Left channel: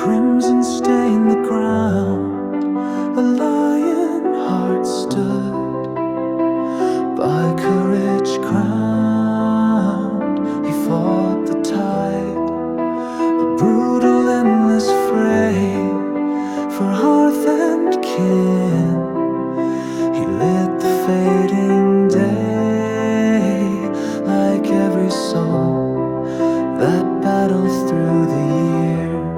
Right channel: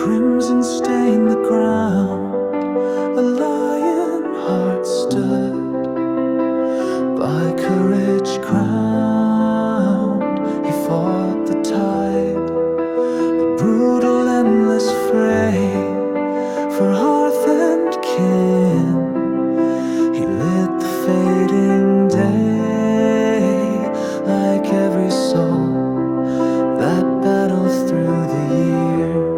crimson stained the ground, a lion heart stood, by courage crowned. He fought the tide, the brutal endless fray, for hearth and kin. He lit the fading day, like every soul that battled through the years.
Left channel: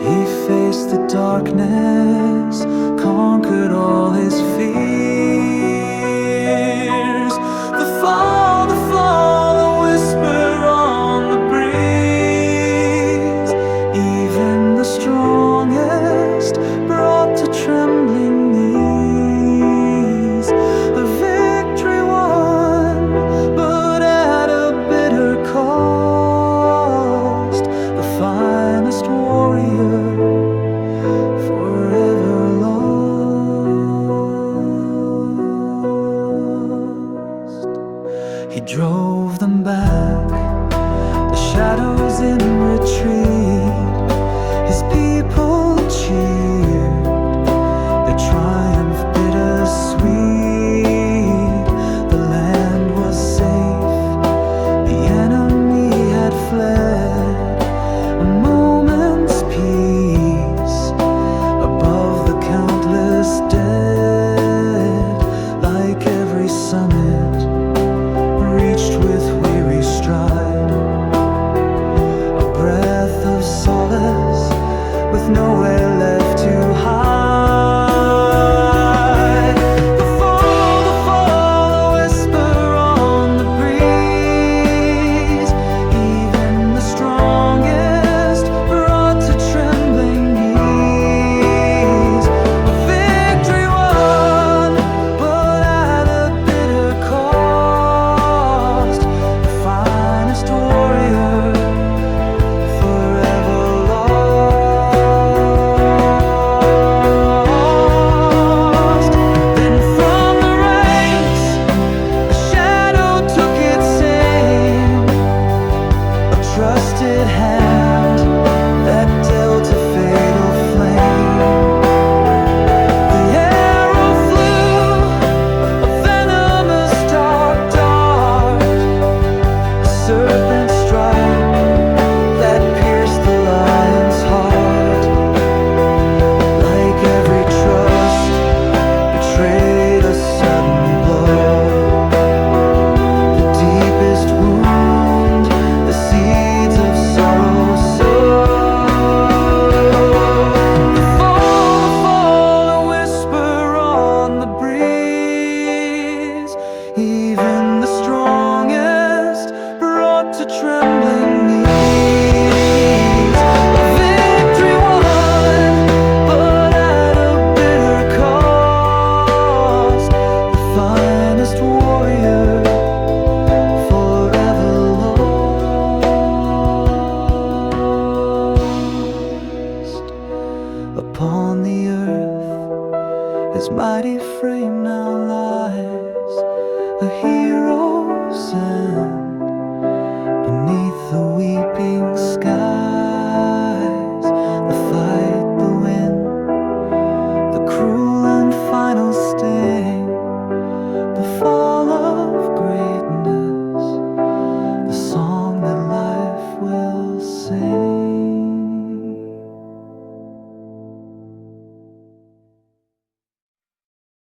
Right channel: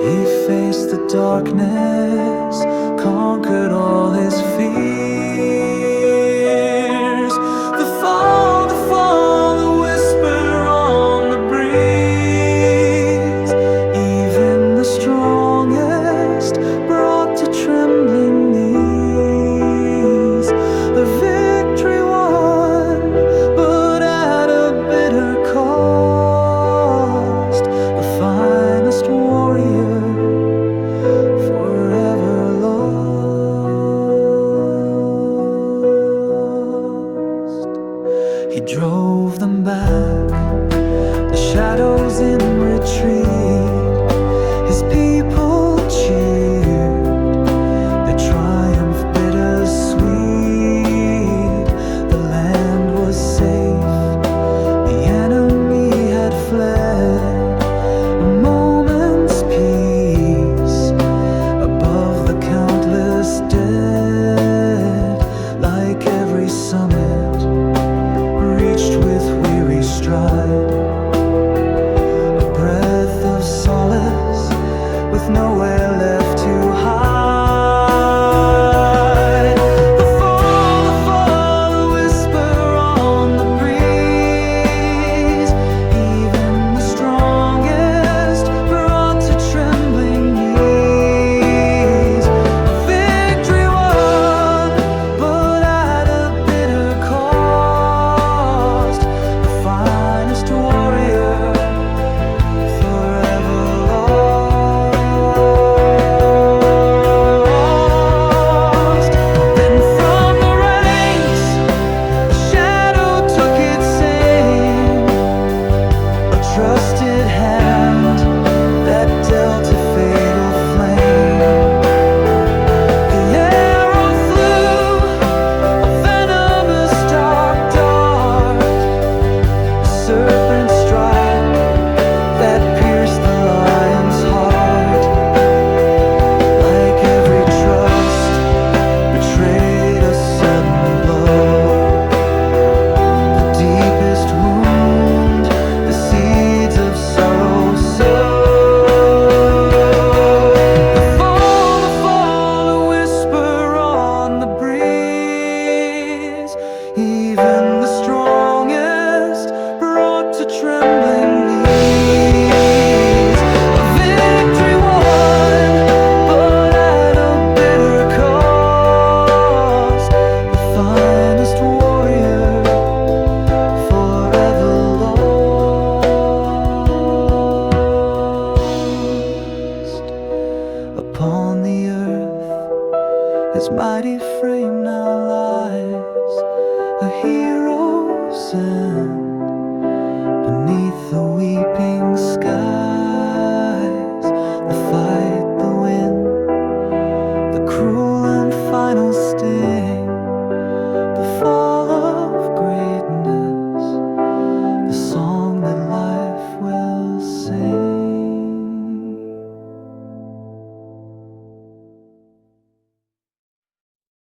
He faced the darkness, conquered all his fears. The fall, a whisper on the breeze. Even the strongest brought to trembling knees. A victory won, but at a bitter cost. The finest warrior forever lost. He drove them back, the shadows in retreat. His people cheered, their triumph bittersweet. The land was safe, the enemy had fled. A moment's peace above the countless dead, like every summit reached with weary stride. A breath of solace with nowhere left to hide. The fall, a whisper on the breeze. Even the strongest brought to trembling knees. A victory won, but at a bitter cost. The finest warrior forever lost. Then from the ranks a shadow took its aim, a trusted hand that dealt a fatal flame. The arrow flew, a venomous dark dart, a serpent strike that pierced the lion's heart. Like every trust betrayed a sudden blow, the deepest wound the seeds of sorrow sow. The fall, a whisper on the breeze. Even the strongest brought to trembling knees. A victory won, but at a bitter cost. The finest warrior forever lost. Upon the earth his mighty frame now lies, a hero's end beneath the weeping skies. The fight, the win, the cruel and final sting, the fall of greatness, the song that lies